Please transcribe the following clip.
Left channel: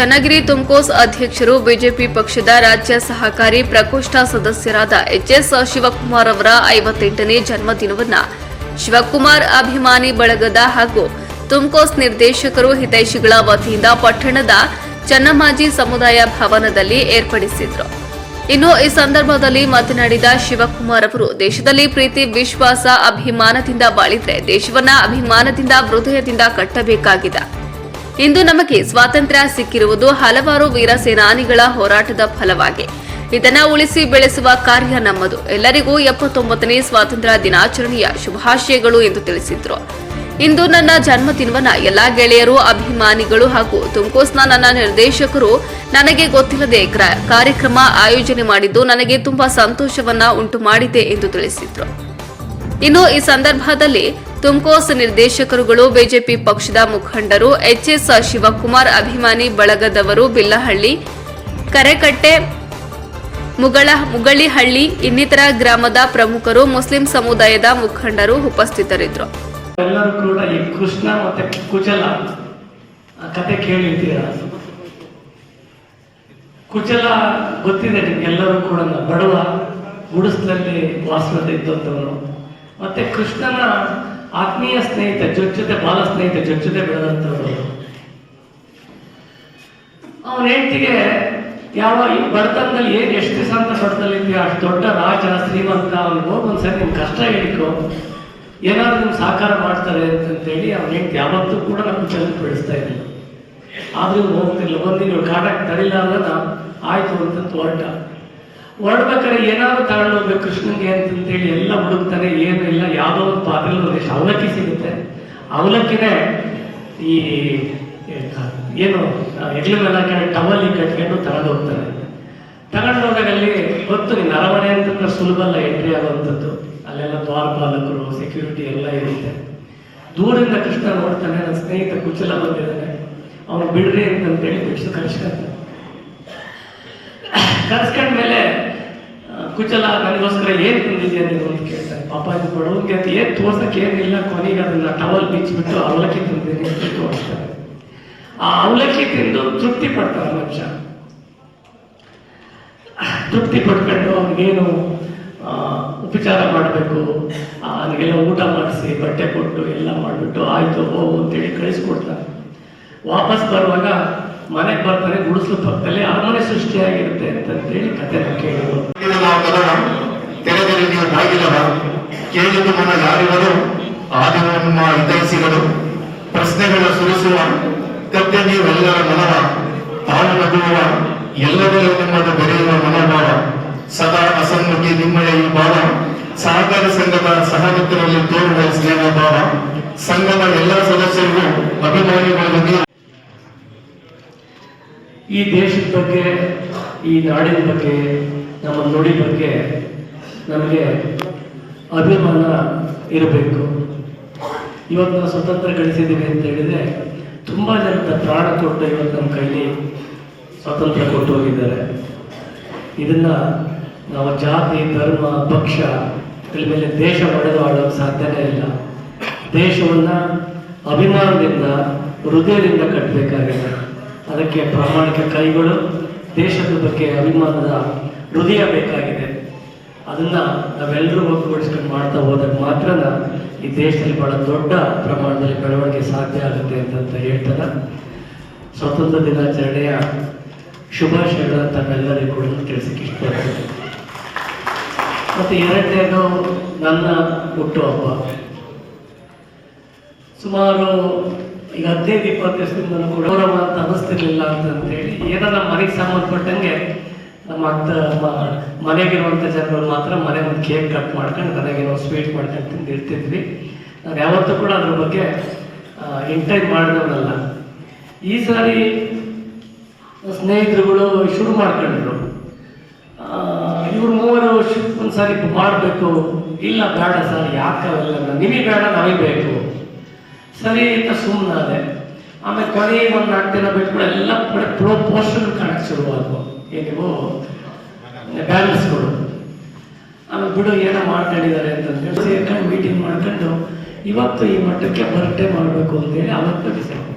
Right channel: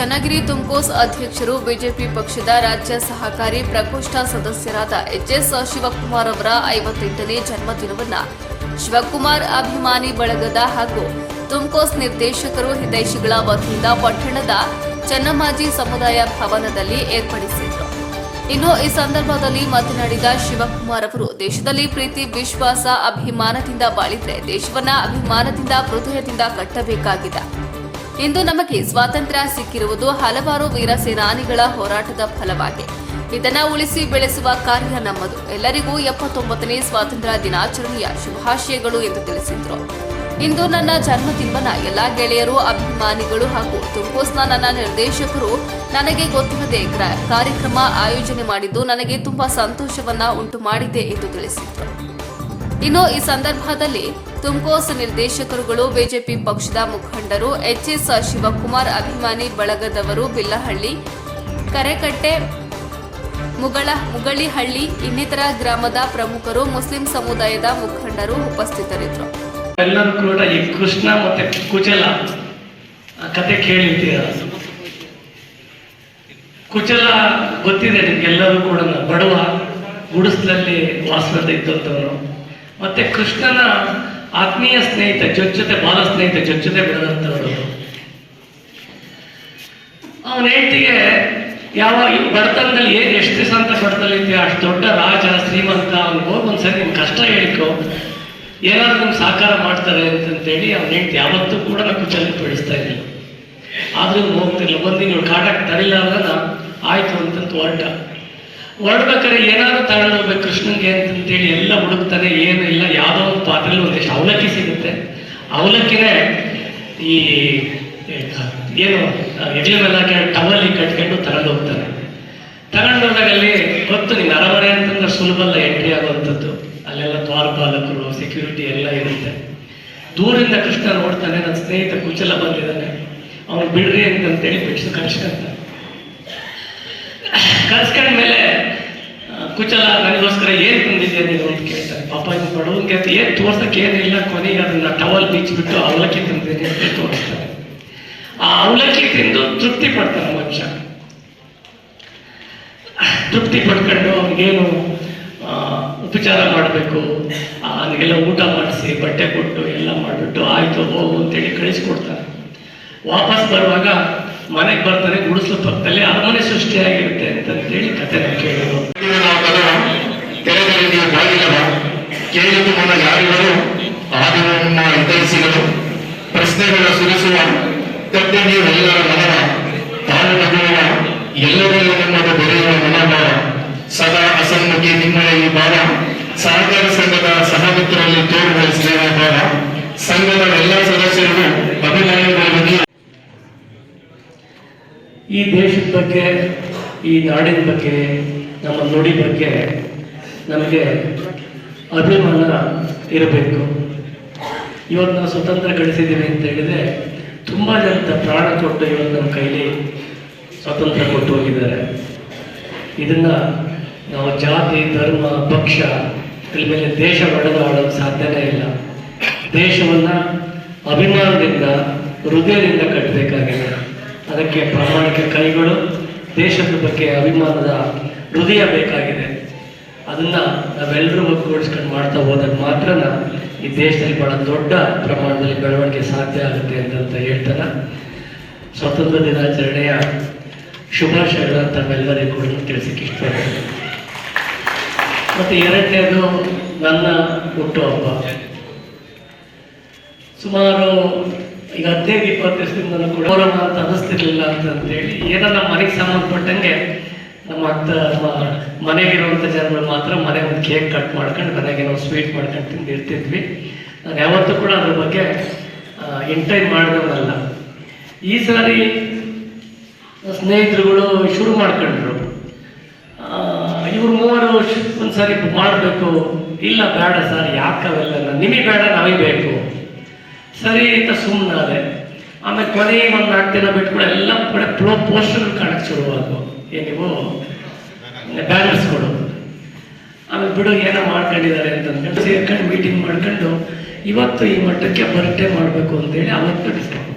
ಚನ್ನಗಿರಿ ತುಮಕೋಸ್ ಅಧ್ಯಕ್ಷರು ಬಿಜೆಪಿ ಪಕ್ಷದ ರಾಜ್ಯ ಸಹಕಾರಿ ಪ್ರಕೋಷ್ಠ ಸದಸ್ಯರಾದ ಎಚ್ಎಸ್ ಶಿವಕುಮಾರ್ ಅವರ 58ನೇ ಜನ್ಮದಿನವನ್ನು ಶಿವಕುಮಾರ್ ಅಭಿಮಾನಿ ಬಳಗದ ಹಾಗೂ ತುಮಕೋಸ್ ನಿರ್ದೇಶಕರು ಹಿತೈಷಿಗಳ ವತಿಯಿಂದ ಪಟ್ಟಣದ ಚನ್ನಮ್ಮಾಜಿ ಸಮುದಾಯ ಭವನದಲ್ಲಿ ಏರ್ಪಡಿಸಿದರು. ಇನ್ನು ಈ ಸಂದರ್ಭದಲ್ಲಿ ಮಾತನಾಡಿದ ಶಿವಕುಮಾರ್ ಅವರು, ದೇಶದಲ್ಲಿ ಪ್ರೀತಿ, ವಿಶ್ವಾಸ, ಅಭಿಮಾನದಿಂದ ಬಾಳಿದ್ರೆ ದೇಶವನ್ನ ಅಭಿಮಾನದಿಂದ, ಹೃದಯದಿಂದ ಕಟ್ಟಬೇಕಾಗಿದೆ. ಇಂದು ನಮಗೆ ಸ್ವಾತಂತ್ರ್ಯ ಸಿಕ್ಕಿರುವುದು ಹಲವಾರು ವೀರ ಸೇನಾನಿಗಳ ಹೋರಾಟದ ಫಲವಾಗಿ. ಇದನ್ನ ಉಳಿಸಿ ಬೆಳೆಸುವ ಕಾರ್ಯ ನಮ್ಮದು. ಎಲ್ಲರಿಗೂ 79ನೇ ಸ್ವಾತಂತ್ರ್ಯ ದಿನಾಚರಣೆಯ ಶುಭಾಶಯಗಳು ಎಂದು ತಿಳಿಸಿದರು. ಇಂದು ನನ್ನ ಜನ್ಮದಿನವನ್ನ ಎಲ್ಲಾ ಗೆಳೆಯರು, ಅಭಿಮಾನಿಗಳು ಹಾಗೂ ತುಮಕೋಸ್ನ ನನ್ನ ನಿರ್ದೇಶಕರು ನನಗೆ ಗೊತ್ತಿಲ್ಲದೆ ಕಾರ್ಯಕ್ರಮ ಆಯೋಜನೆ ಮಾಡಿದ್ದು ನನಗೆ ತುಂಬಾ ಸಂತೋಷವನ್ನ ಉಂಟು ಮಾಡಿದೆ ಎಂದು ತಿಳಿಸಿದರು. ಇನ್ನು ಈ ಸಂದರ್ಭದಲ್ಲಿ ತುಮಕೋಸ್ ನಿರ್ದೇಶಕರುಗಳು, ಬಿಜೆಪಿ ಪಕ್ಷದ ಮುಖಂಡರು, ಎಚ್ಎಸ್ ಶಿವಕುಮಾರ್ ಅಭಿಮಾನಿ ಬಳಗದವರು, ಬಿಲ್ಲಹಳ್ಳಿ, ಕರೆಕಟ್ಟೆ, ಮುಗಳಿಹಳ್ಳಿ, ಇನ್ನಿತರ ಗ್ರಾಮದ ಪ್ರಮುಖರು, ಮುಸ್ಲಿಂ ಸಮುದಾಯದ ಮುಖಂಡರು ಉಪಸ್ಥಿತರಿದ್ದರು. ಎಲ್ಲರೂ ಕೂಡ ಈ ಕೃಷ್ಣ ಮತ್ತೆ ಕುಚಲ ಕತೆ ಕೇಳಿದ್ದೀರ. ಕುಚಲ ಗೊತ್ತಿದೆ ನಿಮ್ಗೆಲ್ಲರೂ ಕೂಡ, ಬಡವ ಗುಡಿಸಲಲ್ಲಿ ವಾಸದ ಇದ್ದಂಥವನು. ಮತ್ತೆ ಕೃಷ್ಣನ ಆತ್ಮೀಯ ಸ್ನೇಹಿತ, ಜೊತೆ ಬಾಲ ಸ್ನೇಹಿತ, ಜೊತೆ ಬೆಳೆದಂಥವರು. ಅವನ ಹೆಂಡತಿಗೆ ಯಾವ ಬಡತನದಲ್ಲಿ ಎಷ್ಟು ದಿವಸ ಅಂತ ಬಡತನಲ್ಲಿದ್ದೀಯ, ಅಷ್ಟು ದೊಡ್ಡ ರಾಜ ಶ್ರೀಮಂತ, ಅವ್ನಿಗೆ ಹೋಗಿ ಒಂದ್ಸರಿ ನಿಮ್ ಕಷ್ಟ ಹೇಳಿಕೊ, ಏನಾದ್ರು ನಿಮ್ಗೆ ಸಹಕಾರ ಮಾಡ್ತಾರೆ ಅಂತಂತೇಳಿ ಅವ್ನ ಹೆಂಡತಿ ಯಾವತ್ತೂ ಕೂಡ ನಾವು ಕುಚಲಕ್ಕೆ ಬೆಳೆಸ್ತಾ ಇರಲಿಲ್ಲ. ಆದ್ರೂ ಹೋಗ್ತಿರ್ಲಿಲ್ಲ. ಒಂದಿನ ಕಾಡಕ್ಕೆ ತಡಿಲಾರ್ದ ಆಯ್ತು ಅಂತಂತ ಹೊರಡ್ಬೇಕಾದ್ರೆ ಏನಾದ್ರು ತಗೊಂಡು ಹೋಗ್ಬೇಕು ಕೃಷ್ಣನ್ಗೆ ಅಂತಂತೇಳಿ ಎಲ್ಲ ಹುಡುಕ್ತಾನೆ. ಏನು ಇಲ್ಲ, ಯಾವುದೋ ಒಂದು ಪಾತ್ರೆಯಲ್ಲಿ ಒಂದಿಷ್ಟು ಅವಲಕ್ಕಿ ಸಿಗುತ್ತೆ. ಅವಲಕ್ಕಿನೇ ಈ ಏನು ಎಗ್ಲ ಮೇಲೆ ಟವಲ್ಲಿ ಕಟ್ಕೊಂಡು ತಗೊಂಡು ಹೋಗ್ತಾರೆ. ತಗೊಂಡೋದಾಗ ಅಲ್ಲಿ ಗೊತ್ತು, ನೀನು ಅರಮನೆ ಅಂತಂದ್ರೆ ಸುಲಭ ಅಲ್ಲ ಎಂಟ್ರಿ ಆಗುವಂಥದ್ದು. ಅಲ್ಲೆಲ್ಲ ದ್ವಾರಪಾಲಕರು, ಸೆಕ್ಯೂರಿಟಿ ಎಲ್ಲ ಇರುತ್ತೆ. ದೂರಿಂದ ಕೃಷ್ಣ ನೋಡ್ತಾನೆ, ನನ್ನ ಸ್ನೇಹಿತ ಕುಚಲ ಬಂದಿದ್ದಾನೆ, ಅವ್ನು ಬಿಡ್ರಿ ಅಂತಂತೇಳಿ ಬಿಡಿಸಿ ಕರ್ಸ್ಕೊಂತಾನೆ. ಕರ್ಸ್ಕೊಂಡ್ಮೇಲೆ ಕುಚಲ ನನಗೋಸ್ಕರ ಏನು ತಂದಿದ್ಯಾ ನೀನು ಅಂತ ಕೇಳ್ತಾರೆ. ಪಾಪ ಇದು ಬಡವನ್ಗೆ ಅಂತ ಏನು ತೋರ್ಸಕ್ಕೆ ಏನಿಲ್ಲ, ಕೊನೆಗೆ ಅದನ್ನ ಟವಲ್ ಬಿಚ್ಚಿಬಿಟ್ಟು ಅವಲಕ್ಕಿ ತಿಂತೀನಿ ಅಂತ ತೋರಿಸ್ತಾರೆ. ಆ ಅವಲಕ್ಕಿ ತಿಂದು ತೃಪ್ತಿ ಪಡ್ತಾನೆ ಮನುಷ್ಯ. ತೃಪ್ತಿ ಪಡ್ಕೊಂಡು ಅವನಿಗೇನು ಉಪಚಾರ ಮಾಡಬೇಕು, ಅವನಿಗೆಲ್ಲ ಊಟ ಮಾಡಿಸಿ ಬಟ್ಟೆ ಕೊಟ್ಟು ಎಲ್ಲ ಮಾಡಿಬಿಟ್ಟು ಆಯ್ತು ಹೋಗು ಅಂತೇಳಿ ಕಳಿಸ್ಕೊಡ್ತಾನೆ. ವಾಪಸ್ ಬರುವಾಗ ಮನೆಗೆ ಬರ್ತಾನೆ, ಗುಡಿಸಲು ಪಕ್ಕದಲ್ಲಿ ಅರಮನೆ ಸೃಷ್ಟಿಯಾಗಿರುತ್ತೆ ಅಂತೇಳಿ ಕತೆ ಕೇಳಿದ್ರು. ಕೇಳಿದು ನನ್ನ ದಾರಿಗಳು ಆದಿನ ನಿಮ್ಮ ಹಿತೈಷಿಗಳು, ಪ್ರಶ್ನೆಗಳ ಸುರಿಸುವ ಕತ್ತೆ ನೀವೆಲ್ಲರ ಮನವ, ತಾನು ನಗುವ ಎಲ್ಲರಲ್ಲೂ ನಿಮ್ಮದು ಬೆರೆಯುವ ಮನೋಭಾವ, ಸದಾ ಅಸಮ್ಮುಖಿ ನಿಮ್ಮಯ ಈ ಭಾವ, ಸಹಕಾರ ಸಂಘದ ಸಹಮಿತ್ರರಲ್ಲಿ ತೋರುವ ಸ್ನೇಹ ಭಾವ, ಸಂಘದ ಎಲ್ಲ ಸದಸ್ಯರಿಗೂ ಅಭಿಮಾನಿಗಳಿಗೆ ಈ ದೇಶದ ಬಗ್ಗೆ, ಈ ನಾಡಿನ ಬಗ್ಗೆ, ನಮ್ಮ ನುಡಿ ಬಗ್ಗೆ ನಮಗೆ ಅಭಿಮಾನ ಇರಬೇಕು. ಇವತ್ತು ನಾವು ಸ್ವತಂತ್ರ ಗಳಿಸಿದ್ದೀವಿ ಅಂತ ಹೇಳಿದರೆ ತುಂಬ ಜನ ಪ್ರಾಣ ಕೊಟ್ಟು ಇವತ್ತು ನಮ್ಮ ಕೈಲಿ ಸ್ವಾತಂತ್ರ್ಯ ಕೊಟ್ಟು ಹೋಗಿದ್ದಾರೆ. ಇದನ್ನು ನಾವು ಜಾತಿ, ಧರ್ಮ, ಪಕ್ಷ ಇದ್ರ ಮೇಲೆ ದೇಶ ಒಡೆದಾಡೋದು ಸಾಧ್ಯನೇ ಇಲ್ಲ. ದೇಶವನ್ನು ಅಭಿಮಾನದಿಂದ, ಹೃದಯದಿಂದ ಕಟ್ಟಬೇಕಾಗಿದೆ. ಅದಕ್ಕೆ ಪ್ರಾಮಾಣಿಕ ಕೈಗಳು, ದೇಶದ ಬಗ್ಗೆ ಅಭಿಮಾನದ ಹೃದಯ ಬೇಕಾಗಿದೆ. ಅದನ್ನು ನಾವೆಲ್ಲರೂ ಒಗ್ಗೂಡಿಸ್ಕೊಂಡು ಮಾಡ್ತಾ ಹೋದಾಗ ಮಾತ್ರ ಈ ದೇಶದಲ್ಲಿ ಬಹಳ ದೊಡ್ಡ ಪ್ರಮಾಣದಲ್ಲಿ ಬೆಳವಣಿಗೆ ಸಾಧ್ಯ ಆಗುತ್ತೆ ಅಂತ ಹೇಳ್ತಾರೆ. ಸ್ವಾತಂತ್ರ್ಯ ದಿನಾಚರಣೆಯ ಶುಭಾಶಯಗಳನ್ನು ತಮ್ಮೆಲ್ಲರಿಗೂ ಕೂಡ ತಿಳಿಸಕ್ಕೆ ಇಷ್ಟಪಡ್ತೀನಿ. ಮತ್ತು ಎರಡನೇದು ನನ್ನ ಹುಟ್ಟುಹಬ್ಬ. ಸುಮಾರು ಈಗ 15-20 ದಿವಸದಿಂದ ನನಗೆ ಗೌರವ ಅಂತ ಅನ್ನಿಸ್ತಿರ್ಲಿಲ್ಲ ಅಂತಂದೇಳಿ, ಏನೋ ನಮ್ಮ ಮನೆಗೆ ಸಂಬಂಧಪಟ್ಟಂಗೆ ನಮ್ಮ ಮನೆಗಿರುವಂಥ ಜನಗಳು ಮಾತ್ರ ಮನೆ ಒಂದು ಕೇಕ್ ಕಟ್ ಮಾಡ್ಕೊಂಡು ಮನೆಗೇನೋ ಸ್ವೀಟ್ ಮಾಡ್ಕೊಂಡು ತಿಂದಿರ್ತಿದ್ವಿ. ನಾನು ಯಾವತ್ತೂ ಕೂಡ ಅದ್ರ ಬಗ್ಗೆ ಎಂಟೈನ್ ಮಾಡಿದವನಲ್ಲ. ಈ ಸಾರಿ ಸ್ನೇಹಿತರುಗಳು ಶುರು ಮಾಡ್ಕೊಂಡ್ರು, ಇವ್ರು ಮೂವರು ಒಂದು ಸಾರಿ ಮಾಡಬೇಕು. ಇಲ್ಲ ಬೇಡ ಸರ್, ಯಾಕವೆಲ್ಲ ನಿಮಗೆ ಬೇಡ, ನಮಗೆ ಬೇಕು. ಸರಿ ಅಂತ ಸುಮ್ಮನಾದೆ. ಆಮೇಲೆ ಕೊನೆಗೆ ಒಂದು 4 ದಿನ ಬಿಟ್ಕೊಂಡು ಎಲ್ಲ ಕಡೆ ಪೋಸ್ಟರ್ಗಳು ಕಾಣಕ್ಕೆ ಶುರುವಾದವು. ಏನಿವು ಬ್ಯಾನರ್ಸ್ಗಳು. ಆಮೇಲೆ ಬಿಡು ಏನೋ ಮಾಡ್ಕೊಂಡಿದ್ದಾರೆ ಅಂತಂದ್ಕೊಂಡು ಸೇರ್ಕೊಂಡು ಮೀಟಿಂಗ್ ಮಾಡ್ಕೊಂಡು ಇವತ್ತು ಈ ಮಟ್ಟಕ್ಕೆ ಬರ್ಡೇ ಮಾಡಬೇಕು ಅಂತೇಳಿ ಅವತ್ತು ಡಿಸೈಡ್